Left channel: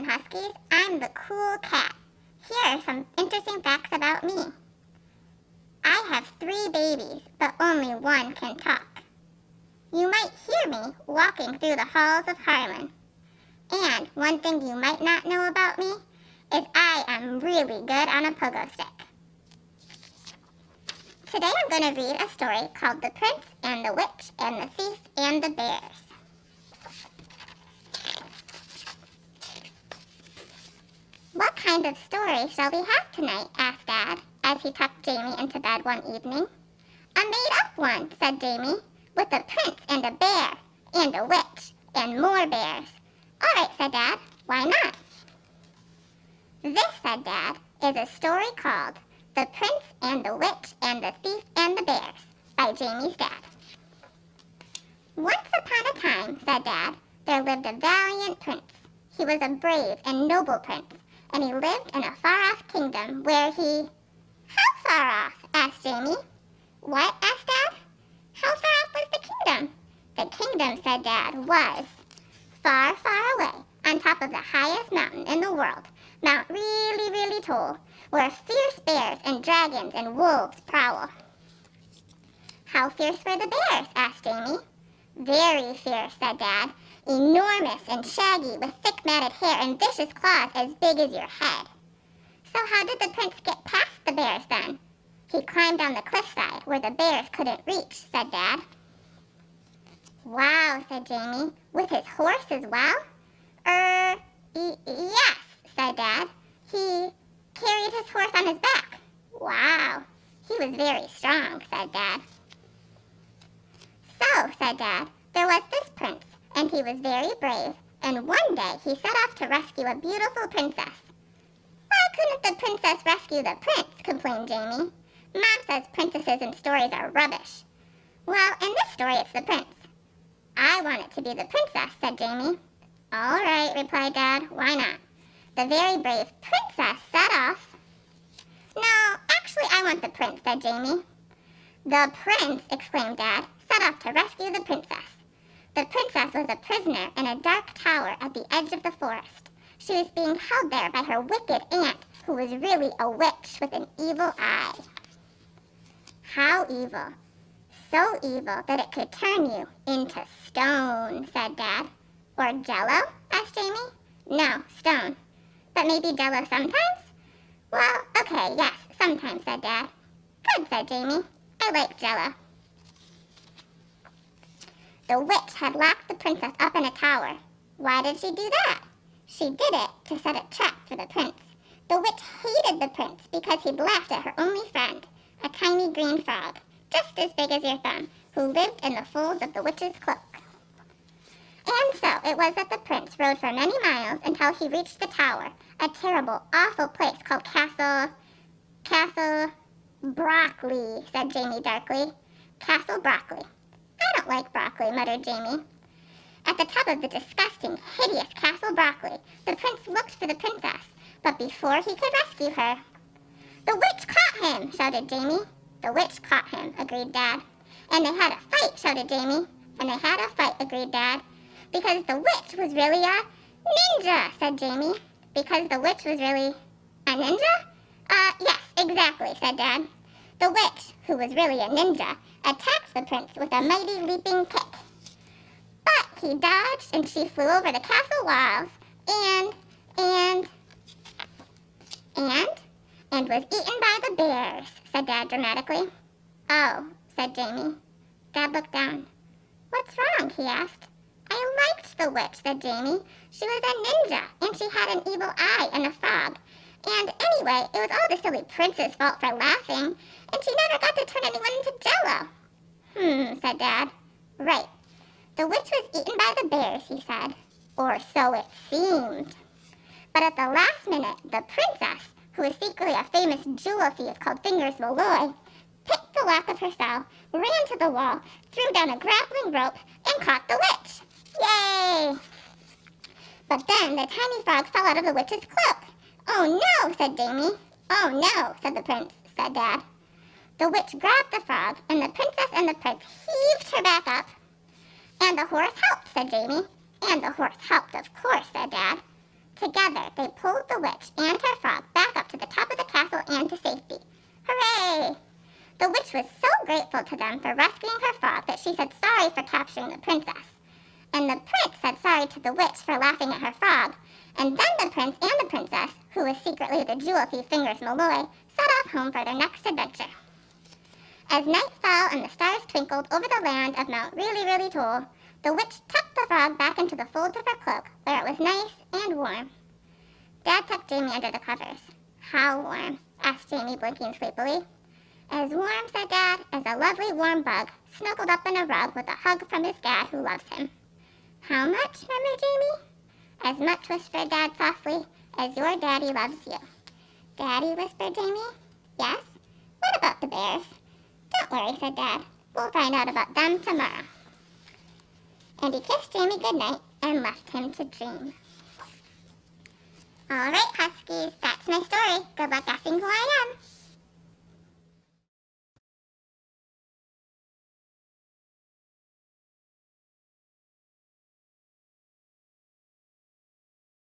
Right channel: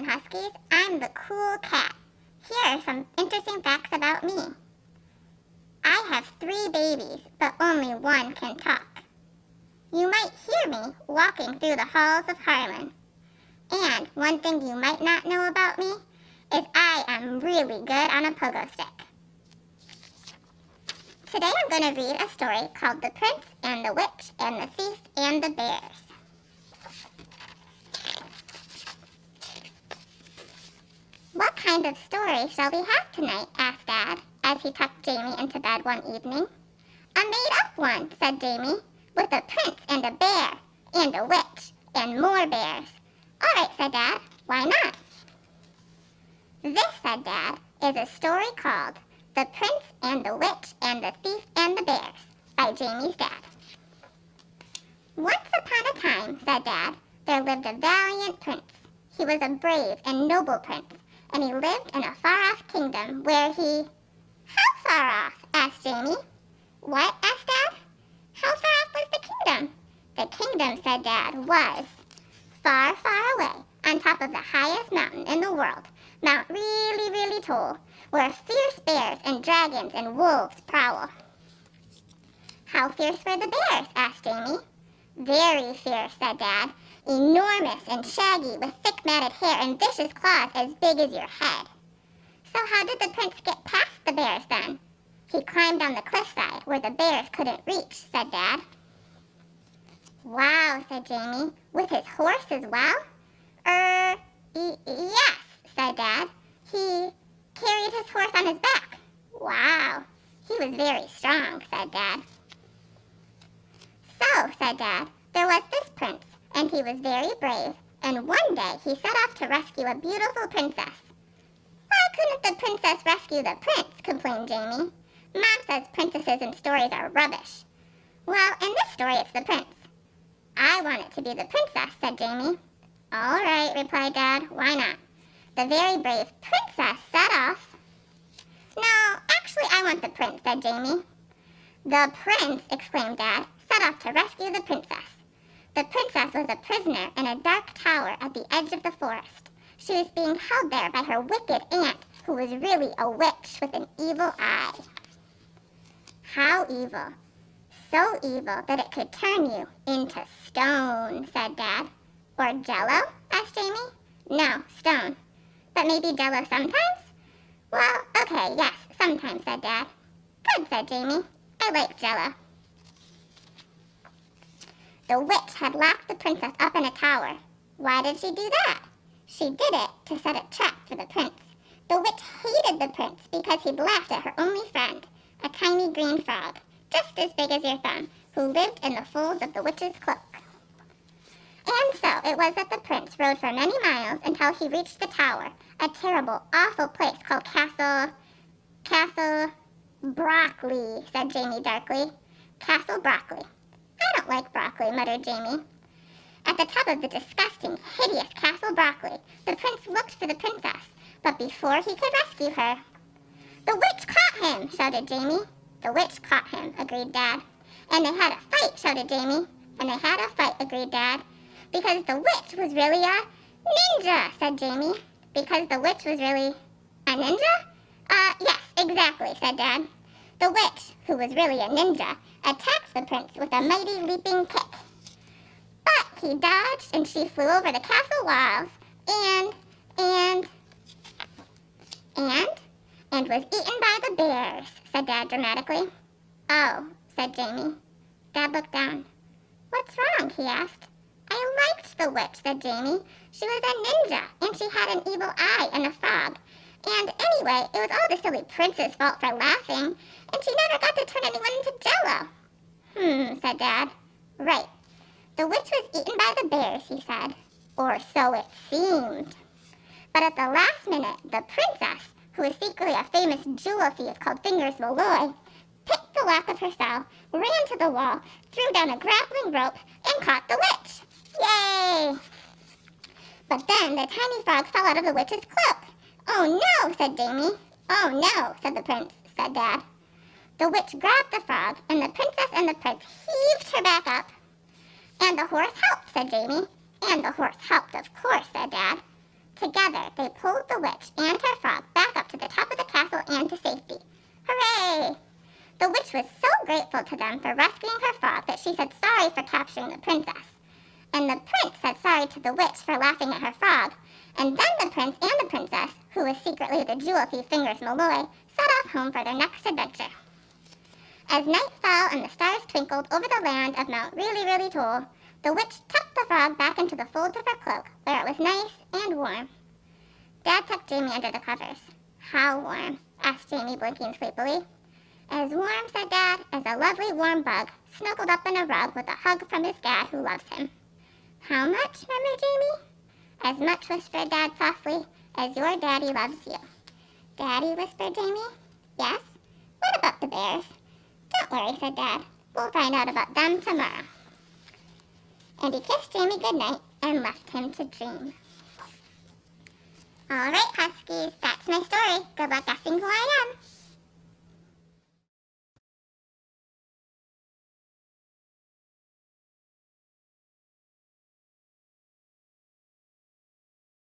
Houseman Huskies. I'm the cool cat. Here are some interesting facts about me. I have 3 babies, but only one can talk. You might hear me walking through the halls of Harlem. And one thing you might not know about me is I am really good on a pogo stick. Today I'm going to read a story called The Prince and the Witch and the Thief and the Bears. What kind of story shall we have tonight? Asked Dad as he tucked Jamie into bed one evening. I made up one, said Jamie, with a prince and a bear and a witch and more bears. All right, said Dad. Why not? This, said Dad, is a story called The Prince and the Witch and the Thief and the Bears by Jamie's dad. Once upon a time, said Dad, there lived a valiant prince. He was a brave and noble prince, and he lived in a far-off kingdom where he... How far off? Asked Jamie. What? Asked Dad. How far off was the kingdom? The kingdom, said Dad, was far, far away, on top of the highest mountain in the world, Mount really, really tall, where fierce bears and dragons and wolves prowl. How fierce were the bears? Asked Jamie. Very fierce, said Dad. Enormous and shaggy, with thick matted hair and vicious claws as big as your head. So how did the prince get past the bears then? He climbed down the cliffside where the bears couldn't reach, said Dad. Wow, said Jamie. With his horse as well? Yes, said Dad. He carried his horse on his back. Wow, he was very strong, said Dad. So, said Dad, there was this prince, and he was very brave, and one day he set off to rescue a beautiful princess. Why couldn't the princess rescue the prince? Complained Jamie. Mom says princesses in stories are rubbish. Well, in this story it's the prince. I want it to be the princess, said Jamie. All right, replied Dad. Why not? The very brave princess set off. No, actually I want the prince, said Jamie. The prince, exclaimed Dad, set off to rescue the princess. The princess was a prisoner in a dark tower at the edge of the forest. She was being held there by her wicked aunt, who was really a witch with an evil eye. How evil? So evil that it could turn you into stone, said Dad. Or jello? Asked Jamie. No, stone. But maybe jello sometimes? Well, okay, yes, sometimes, said Dad. Good, said Jamie. I like jello. The witch had locked the princess up in a tower. Why did she do that? She did it to set a trap for the prince. The witch hated the prince because he'd laughed at her only friend, a tiny green frog, just as big as your thumb, who lived in the folds of the witch's cloak. And so it was that the prince rode for many miles until he reached the tower, a terrible, awful place called Castle Broccoli, said Jamie darkly. Castle Broccoli. I don't like broccoli, muttered Jamie. At the top of the disgusting, hideous Castle Broccoli, the prince looked for the princess, but before he could rescue her... The witch caught him, shouted Jamie. The witch caught him, agreed Dad. And they had a fight, shouted Jamie. And they had a fight, agreed Dad. Because the witch was really a ninja, said Jamie. Because the witch was really a ninja? Yes, exactly, said Dad. The witch, who was really a ninja, attacked the prince with a mighty leaping kick. But he dodged and she flew over the castle walls and was eaten by the bears, said Dad dramatically. Oh, said Jamie. Dad looked down. What's wrong? He asked. I liked the witch, said Jamie. She was a ninja, and she had an evil eye and a frog. And anyway, it was all the silly prince's fault for laughing, and she never got to turn anyone into jello. Said Dad. Right. The witch was eaten by the bears, he said. Or so it seemed. But at the last minute, the princess, who was secretly a famous jewel thief called Fingers Malloy, picked the lock of her cell, ran to the wall, threw down a grappling rope, and caught the witch. Yay! But then the tiny frog fell out of the witch's cloak. Oh no, said Jamie. Oh no, said the prince, said Dad. The witch grabbed the frog, and the princess and the prince heaved her back up. And the horse helped, said Jamie. And the horse helped, of course, said Dad. Together, they pulled the witch and her frog back up to the top of the castle and to safety. Hooray! The witch was so grateful to them for rescuing her frog that she said sorry for capturing the princess. And the prince said sorry to the witch for laughing at her frog. And then the prince and the princess, who was secretly the jewel thief Fingers Malloy, set off home for their next adventure. As night fell and the stars twinkled over the land of Mount Really Really Tall, the witch tucked the frog back into the folds of her cloak, where it was nice and warm. Dad tucked Jamie under the covers. How warm? Asked Jamie, blinking sleepily. As warm, said Dad, as a lovely warm bug, snuggled up in a rug with a hug from his dad who loves him. How much, murmured Jamie? As much, whispered Dad softly, as your daddy loves you. Daddy, whispered Jamie. Yes? What about the bears? Don't worry, said Dad. We'll find out about them tomorrow. And he kissed Jamie goodnight and left him to dream. All right, Huskies, that's my story. Good luck guessing who I am.